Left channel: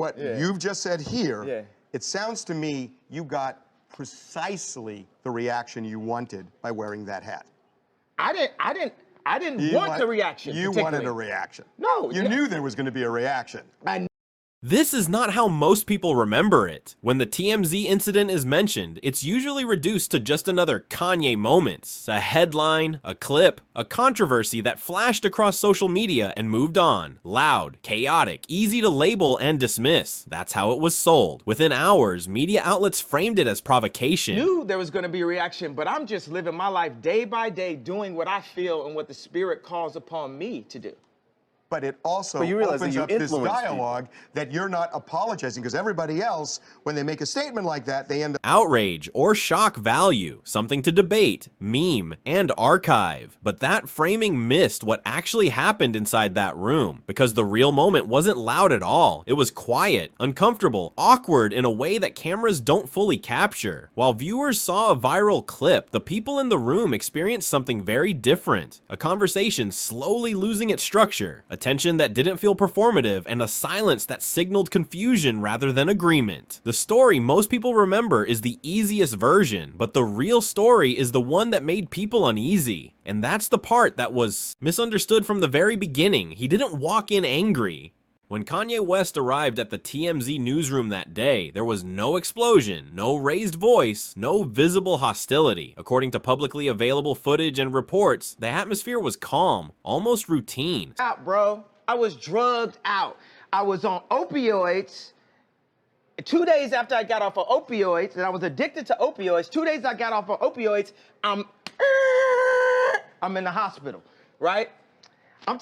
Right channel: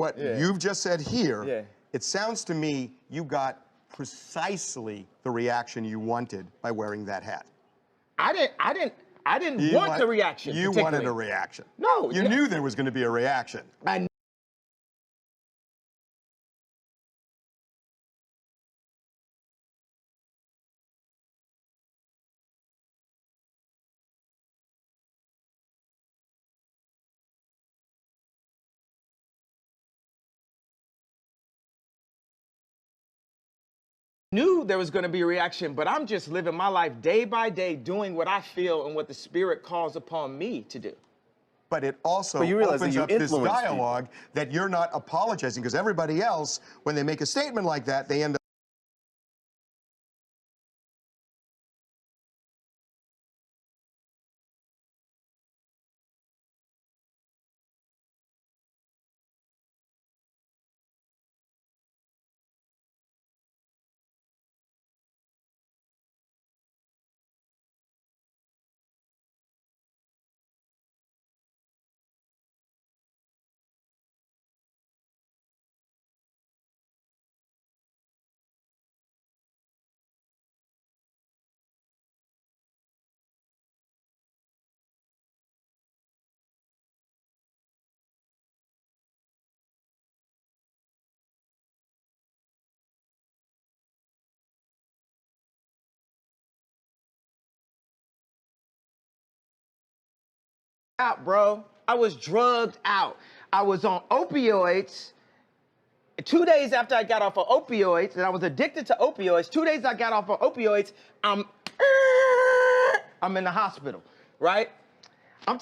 what you've just said here, Yeah. it sounds to me you got precisely the reaction you wanted by wearing that hat. I didn't want the reaction. You wanted a reaction. No, you knew there was going to be a reaction. This is not how most people remember it. When the TMZ incident is mentioned, it's usually reduced to just another Kanye moment, a headline, a clip, a controversy that flashed across social media and moved on. Loud, chaotic, easy to label and dismiss. That's how it was sold. Within hours, media outlets framed it as provocation. Knew there was going to be a reaction, but I'm just living my life day by day, doing what I feel and what the Spirit calls upon me to do. But it also opens up this dialogue that you're not apologizing, because everybody else, when they make a statement like that, they end up outrage or shock value, something to debate, meme, and archive. But that framing missed what actually happened inside that room, because the real moment wasn't loud at all. It was quiet, uncomfortable, awkward in a way that cameras don't fully capture. While viewers saw a viral clip, the people in the room experienced something very different. A conversation slowly losing its structure, a tension that didn't feel performative, and a silence that signaled confusion rather than agreement. The story most people remember is the easiest version, but the real story is the one that made people uneasy. And that's the part that was misunderstood from the very beginning. He didn't walk in angry. When Kanye West arrived at the TMZ newsroom that day, there was no explosion, no raised voice, no visible hostility. According to publicly available footage and reports, the atmosphere was calm, almost routine. Out, bro. I was drugged out. I was on opioids. 2 days after I got off of opioids, and I was addicted to opioids, 2 days I got off of opioids, I'm in the hospital, right?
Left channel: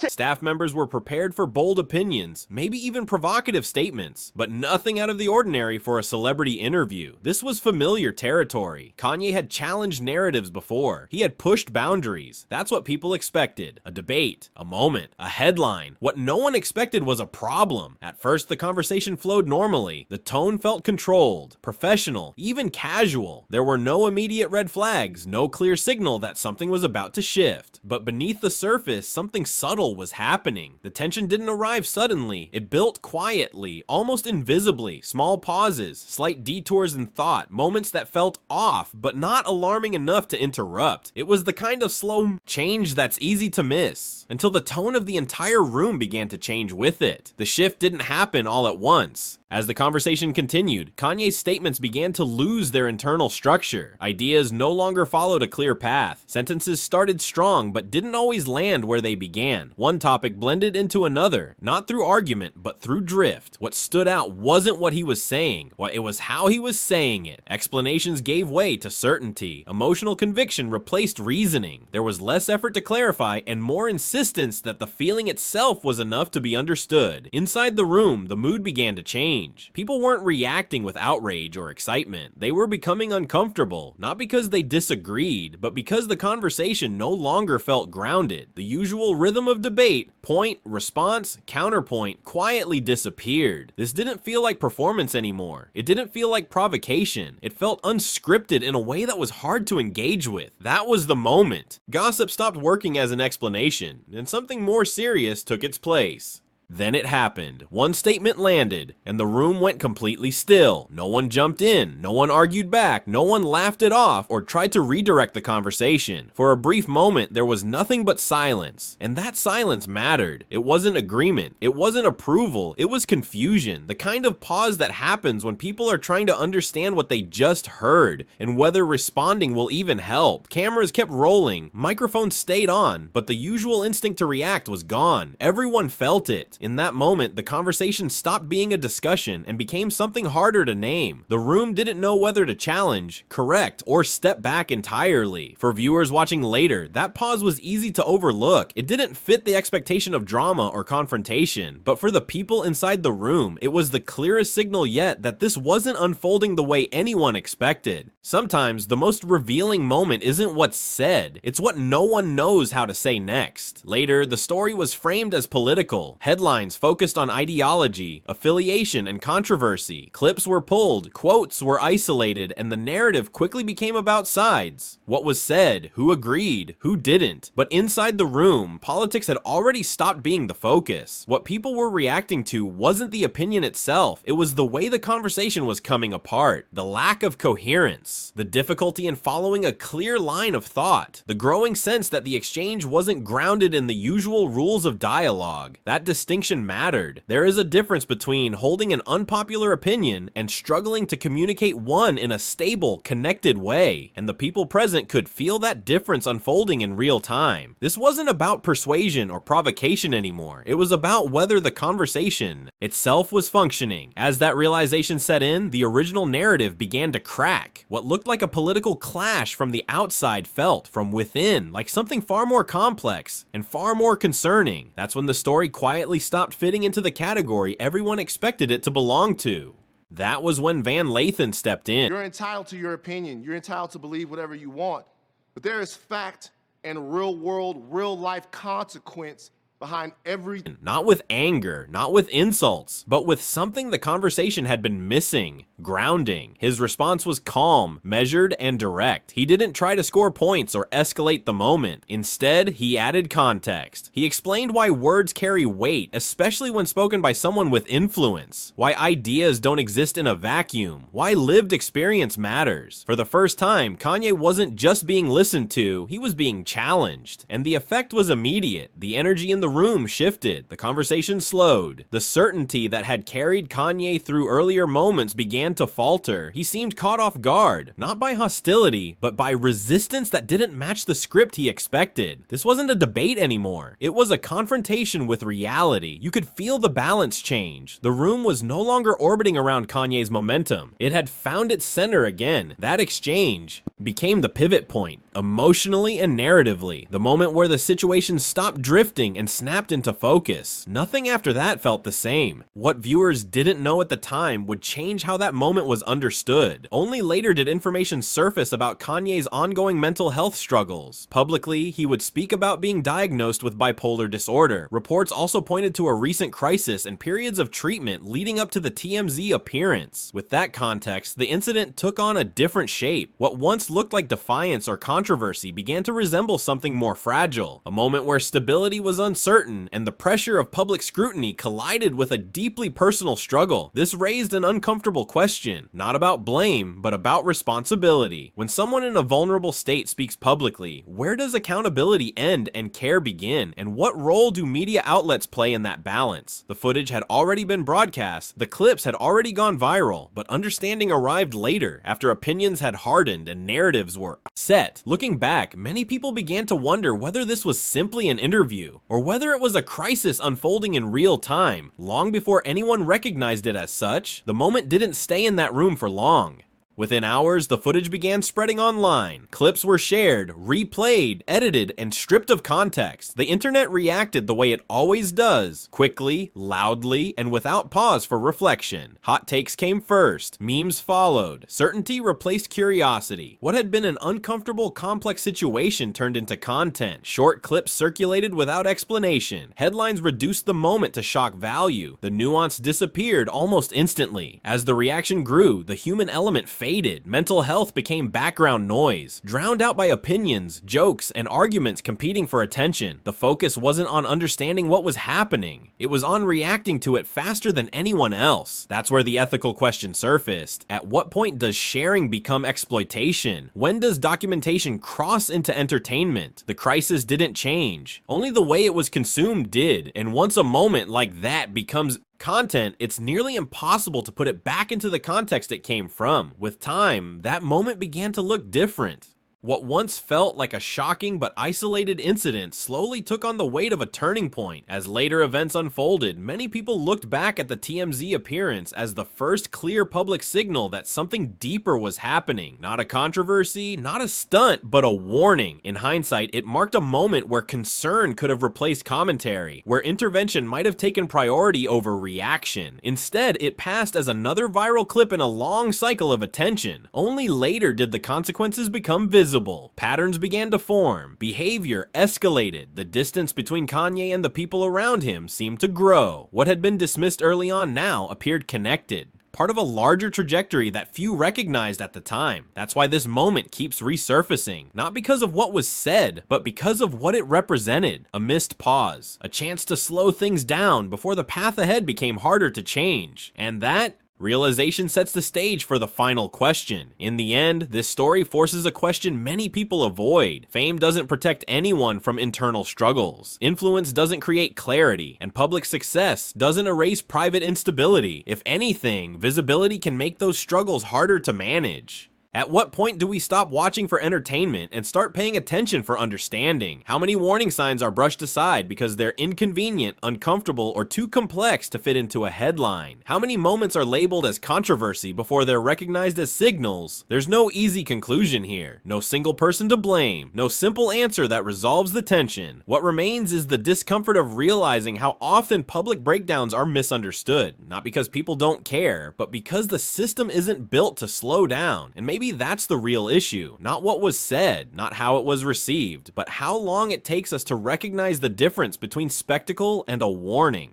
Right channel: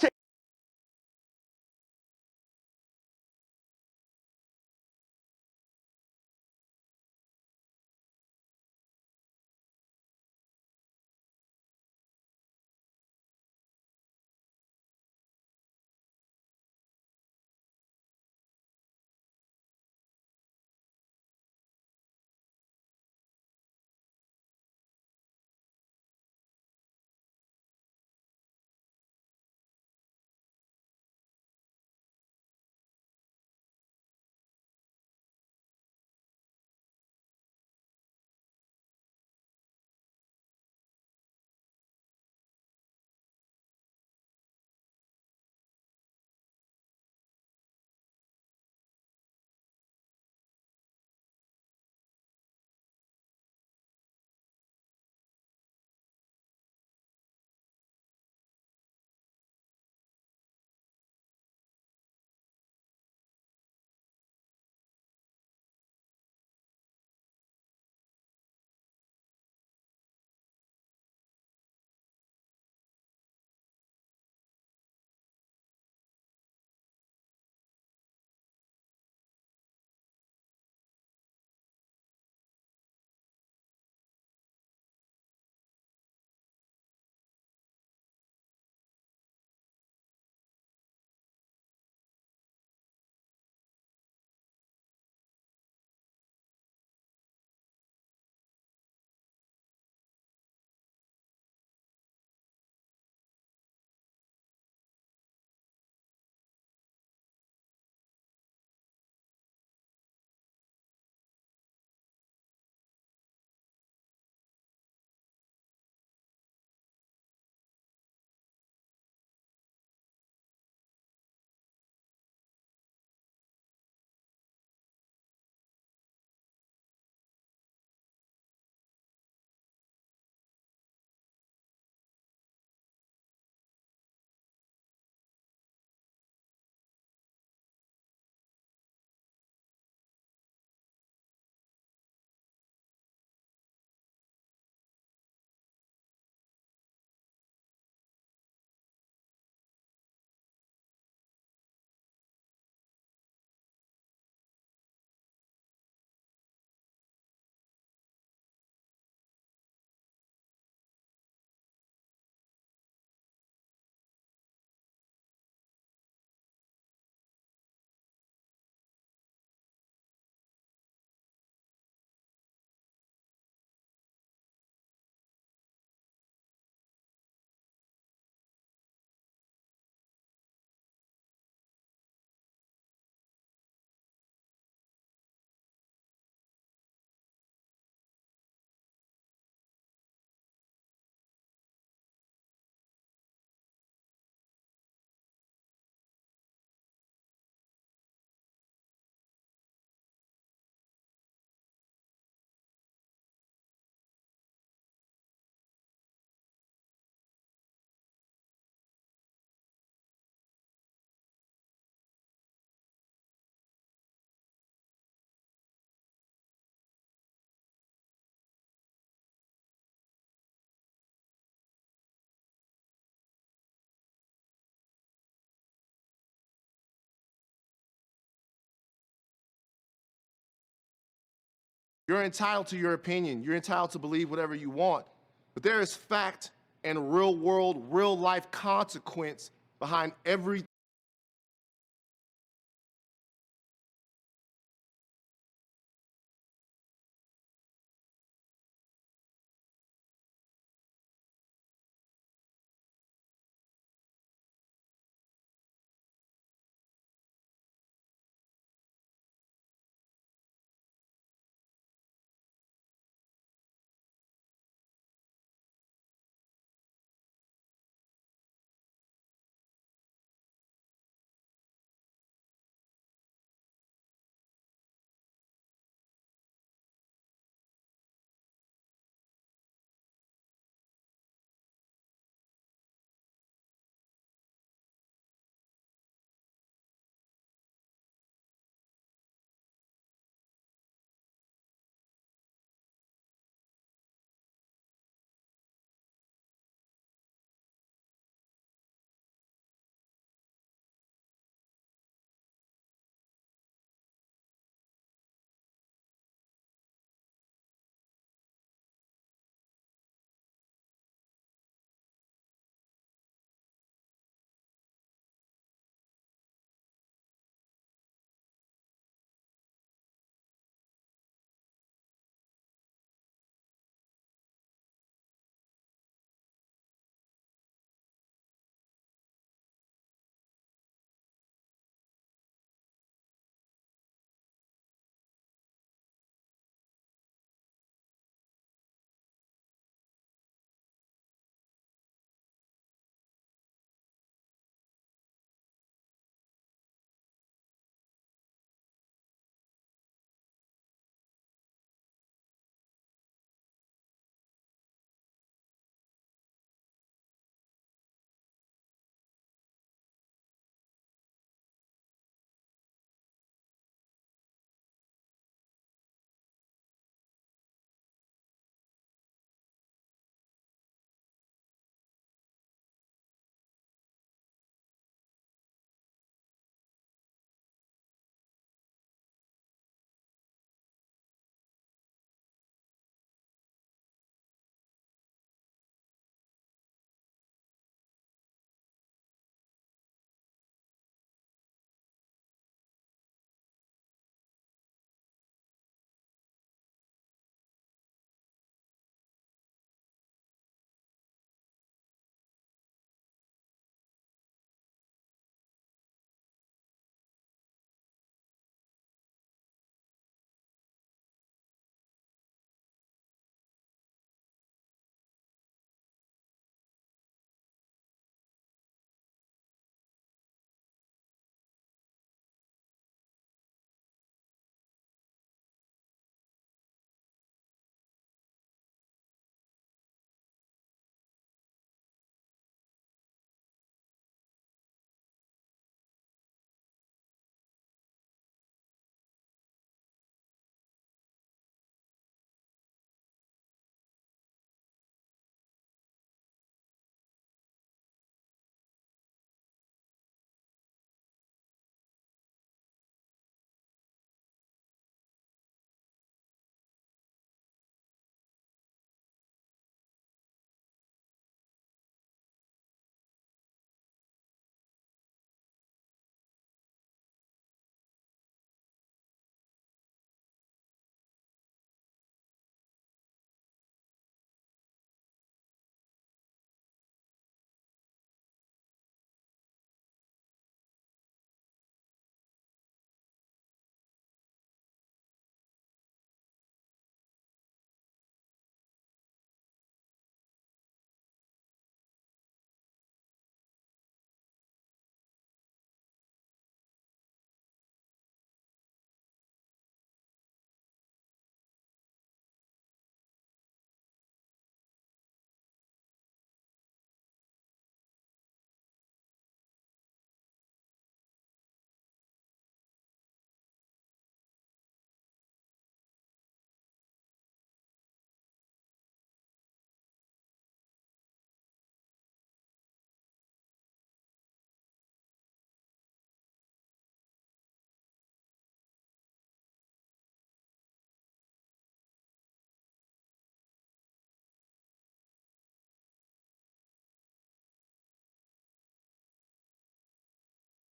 Staff members were prepared for bold opinions, maybe even provocative statements, but nothing out of the ordinary for a celebrity interview. This was familiar territory. Kanye had challenged narratives before. He had pushed boundaries. That's what people expected. A debate, a moment, a headline. What no one expected was a problem. At first, the conversation flowed normally. The tone felt controlled, professional, even casual. There were no immediate red flags, no clear signal that something was about to shift. But beneath the surface, something subtle was happening. The tension didn't arrive suddenly. It built quietly, almost invisibly. Small pauses, slight detours in thought, moments that felt off, but not alarming enough to interrupt. It was the kind of slow change that's easy to miss, until the tone of the entire room began to change with it. The shift didn't happen all at once. As the conversation continued, Kanye's statements began to lose their internal structure. Ideas no longer followed a clear path. Sentences started strong, but didn't always land where they began. One topic blended into another, not through argument, but through drift. What stood out wasn't what he was saying, it was how he was saying it. Explanations gave way to certainty. Emotional conviction replaced reasoning. There was less effort to clarify and more insistence that the feeling itself was enough to be understood. Inside the room, the mood began to change. People weren't reacting with outrage or excitement. They were becoming uncomfortable, not because they disagreed, but because the conversation no longer felt grounded. The usual rhythm of debate, point, response, counterpoint, quietly disappeared. This didn't feel like performance anymore. It didn't feel like provocation. It felt unscripted in a way that was hard to engage with. That was the moment. Gossip stopped working as an explanation, and something more serious took its place. Then it happened. One statement landed, and the room went completely still. No one jumped in, no one argued back, no one laughed it off or tried to redirect the conversation. For a brief moment, there was nothing but silence, and that silence mattered. It wasn't agreement, it wasn't approval, it was confusion. The kind of pause that happens when people are trying to understand what they just heard, and whether responding will even help. Cameras kept rolling, microphones stayed on, but the usual instinct to react was gone. Everyone felt it. In that moment, the conversation stopped being a discussion and became something harder to name. The room didn't know whether to challenge, correct, or step back entirely. For viewers watching later, that pause was easy to overlook. It didn't fit the expectation of drama or confrontation, but for the people inside the room, it was the clearest signal yet that this wasn't unfolding the way anyone expected. Sometimes, the most revealing moment isn't what's said, it's what no one knows how to say next. Later, the story was framed as political. Headlines Headlines focused on ideology, affiliation, and controversy. Clips were pulled, quotes were isolated, and the narrative quickly became about sides. What was said, who agreed, who didn't. But inside the room, politics had already stopped being the focus. What people were reacting to wasn't the opinion itself, it was the way the conversation was coming apart. The lack of coherence, the difficulty in following a clear line of thought, the growing sense that the exchange wasn't grounded in the usual rules of dialogue. That distinction mattered. There is a difference between holding an unpopular opinion and struggling to communicate one in a stable, connected way, and the people present could feel that difference unfolding in real time. This wasn't about persuasion or provocation anymore. It was about whether the conversation itself was functioning. As that realization set in, the original narrative began to crack. What looked like a political clash from the outside felt, from within, like something far more complex and far more concerning. That's when the story quietly stopped fitting into the category everyone expected it to belong to. That was when Van Lathan stepped in. You're entitled to your opinion. You're entitled to believe whatever you want. But there is fact and real world, real life consequence behind every... Not with anger, not with insults, but with something the conversation had been missing: grounding. His response was calm, measured, and direct. He didn't try to score points or escalate the moment. Instead, he added context. He explained why words carry weight, especially when spoken by someone with influence, why ideas don't exist in a vacuum, why lived experience matters. For the first time, Kanye wasn't just being listened to, he was being challenged. And the effect was immediate. The energy in the room shifted, the conversation slowed. The certainty that had carried Kanye through earlier moments began to falter. He seemed caught off guard, not by hostility, but by resistance that didn't match the script he expected. This wasn't a debate anymore. It was a confrontation with reality. You could feel the balance change. The room was no longer orbiting around Kanye's momentum. It had found its center again. That exchange became the pivot point, emotionally and narratively, the moment where the situation stopped drifting and snapped into focus. Nothing after that felt the same. What viewers didn't know at the time would change how that moment was understood. Only later did information surface about Kanye's ongoing mental health struggles. Publicly, he would speak about being diagnosed with bipolar disorder. Reports also pointed to a recent crisis and periods of treatment leading up to the TMZ appearance. With that context, the incident took on a different shape. What once looked like defiance or controversy began to resemble something more fragile, a moment where stability was uncertain and the pressure of public scrutiny collided with a deeply personal struggle. This raised an uncomfortable question, not about blame, but about responsibility. When someone in a vulnerable state speaks publicly, where does accountability end and care begin? And what role do media outlets play in that balance? The footage had already been broadcast, the clips had already gone viral, but understanding arrived later, after opinions had hardened and narratives were set. Looking back, many people began to wonder whether this was simply an interview, or whether it was a crisis unfolding in real time. Long before anyone recognized it as such, the moment didn't stay in that room for long. Within hours, the footage began spreading online. Clips were shared, replayed, edited, and stripped of context. The internet reacted the way it always does, quickly, loudly, and without pause for reflection. Hot takes came first, memes followed, certainty replaced curiosity. What had been an uncomfortable, complex situation turned into content. Short clips circulated without explanation. Headlines reduced the moment to shock value. The nuance disappeared almost instantly. As the reaction grew, the human element faded. Mental health became background noise, drowned out by opinions, jokes, and arguments competing for attention. The focus wasn't on understanding what was happening. It was on reacting to it faster than anyone else. That's where the ethical question surfaced. At what point does sharing become exploitation? When does documentation cross into entertainment? The crisis didn't change. Only the way it was consumed did. And once a moment like that becomes content, it's nearly impossible to put it back into the context it came from. With time, that moment began to look different. What once felt like a shocking but isolated incident slowly took on the weight of a turning point. As later events unfolded, many people looked back at the TMZ appearance as the first clear public signal that something deeper was happening. Not a controversy, not a stunt, but a warning. In hindsight, it marked a moment where concern could have replaced commentary, where intervention might have taken priority over reaction. Instead, it passed as another viral clip in a long cycle of attention. Only later did the consequences become visible. visible. Patterns began to form. Behavior escalated. The distance between Kanye and the people around him seemed to grow. What had been dismissed early on now appeared connected, part of a larger trajectory that few recognized at the time. That's why this moment keeps resurfacing, not because of what was said, but because of what it represented. A missed pause, a chance to slow things down before the path ahead became harder to change. And that realization sets the stage for the final question. In the end, this story forces a question many people avoid. Fame doesn't protect anyone from internal struggles. Influence doesn't create clarity, and public success doesn't erase private instability. If anything, visibility can make those struggles harder to manage. At what point do we stop watching for entertainment and start paying attention for understanding? How many warning signs are brushed aside because they're inconvenient, uncomfortable, or too complex to fit into a headline? How many moments are labeled as controversy before they're recognized as signals? There's no easy conclusion here. No single person to blame. No simple answer that resolves the tension. What remains is the discomfort of realizing how often public breakdowns are misunderstood. Not because people don't care, but because the system isn't built to slow down. And maybe that's the real issue. Not what was said, not how it was received, but how long it takes us to recognize the difference between spectacle and a warning.